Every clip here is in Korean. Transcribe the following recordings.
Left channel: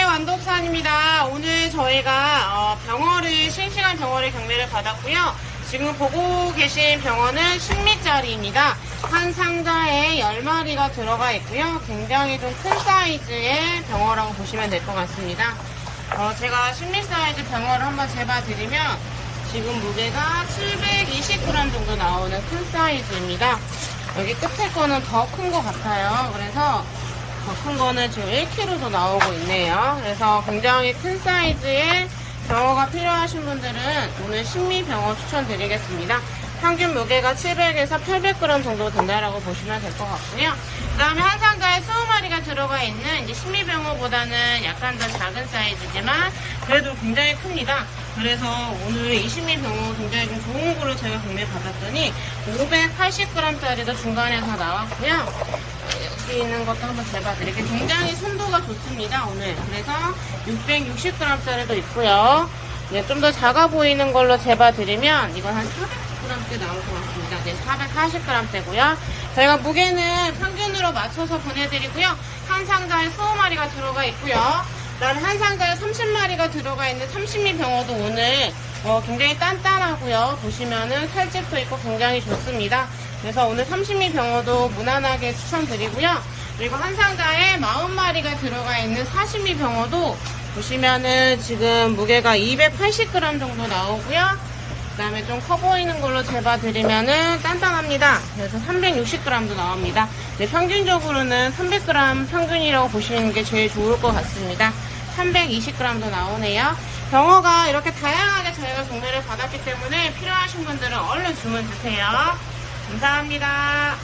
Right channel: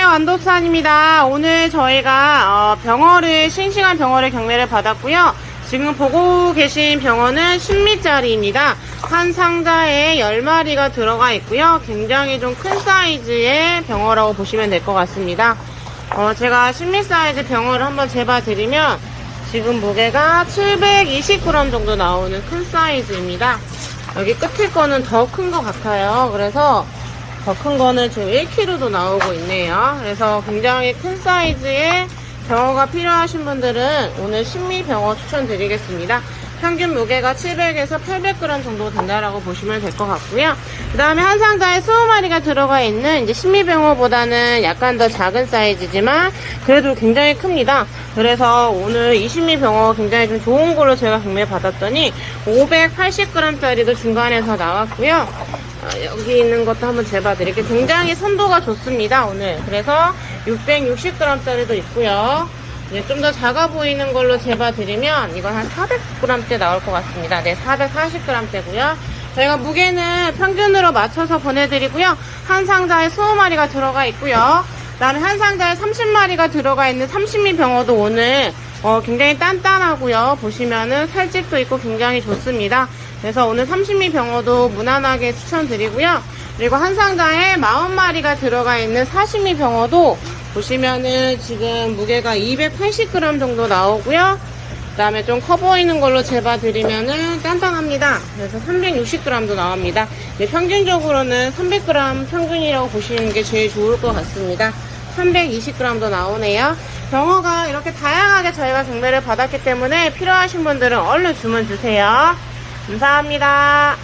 안도수산입니다. 오늘 저희가 어, 병어를 싱싱한 병어를 경매를 받았고요. 지금 보고 계신 병어는 10미짜리입니다. 한 상자에 10마리가 들어가 있고요. 굉장히 좀 큰 사이즈의 병어라고 보시면 될 것 같습니다. 어, 제가 10미 사이즈 병어를 한번 재봐드리면 지금 무게가 720g 정도 나오는 큰 사이즈입니다. 여기 끝에 거는 더 큰 것 같아요. 그래서 더 큰 거는 지금 1kg도 나오고 있네요. 그래서 굉장히 큰 사이즈의 병어가 필요하신 분들은 오늘 신미 병어 추천드리겠습니다. 평균 무게가 700에서 800g 정도 된다라고 보시면 될 것 같고요. 그 다음에 한 상자에 20마리가 들어가 있는 이제 신미병어보다는 약간 더 작은 사이즈지만 그래도 굉장히 큽니다. 그래서 오늘 이 신미병어 굉장히 좀 좋은 걸로 제가 경매 받았더니 580g짜리도 중간에서 나왔고요. 어, 여기 있는 것도 한번 재봐드릴게요. 굉장히 선도가 좋습니다, 오늘. 그래서 660g짜리도 있고요. 좀더 작아 보이는 걸로 재봐드리면 이건 한 400g대 나올 것 같습니다. 네, 440g대고요. 저희가 무게는 평균으로 맞춰서 보내드리고요. 한 상자에 20마리가 들어가 있고요. 그 다음에 한 상자에 30마리가 들어가 있는 30미 병어도 오늘 어, 굉장히 단단하고요. 보시면은 살집도 있고 굉장히 좋습니다. 그래서 오늘 30미 병어도 무난하게 추천드리고요. 그리고 한 상자에 40마리가 들어가 있는 40미 병어도 보시면은 지금 무게가 280g 정도 나오고요. 그 다음에 좀 커 보이는 걸로 재봐드리면은 단단합니다. 그래서 360g도 나옵니다. 네, 평균적으로는 300g 평균이라고 보시는 게 제일 좋을 것 같습니다. 320g도 나오네요. 병어가 이렇게 다양하게 저희가 경매를 받았기 때문에 필요하신 분들은 얼른 주문 주세요. 감사합니다.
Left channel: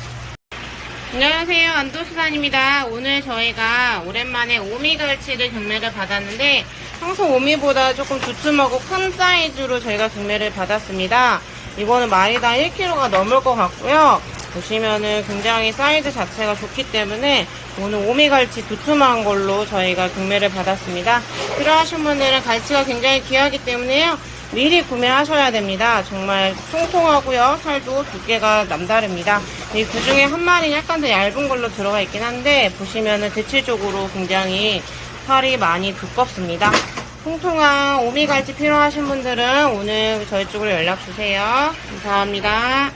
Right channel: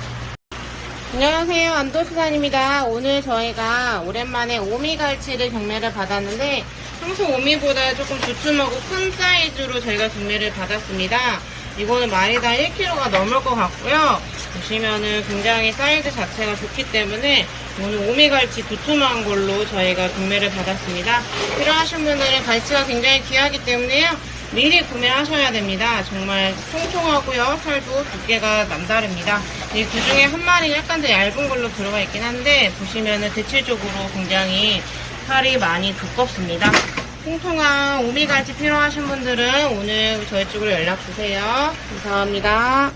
안녕하세요. 안도수산입니다. 오늘 저희가 오랜만에 오미갈치를 경매를 받았는데 평소 오미보다 조금 두툼하고 큰 사이즈로 저희가 경매를 받았습니다. 이거는 마리당 1kg가 넘을 것 같고요. 보시면은 굉장히 사이즈 자체가 좋기 때문에 오늘 오미갈치 두툼한 걸로 저희가 경매를 받았습니다. 필요하신 분들은 갈치가 굉장히 귀하기 때문에요. 미리 구매하셔야 됩니다. 정말 통통하고요. 살도 두께가 남다릅니다. 이 그 중에 한 마리 약간 더 얇은 걸로 들어가 있긴 한데 보시면은 대체적으로 굉장히 살이 많이 두껍습니다. 통통한 오미갈치 필요하신 분들은 오늘 저희 쪽으로 연락 주세요. 감사합니다.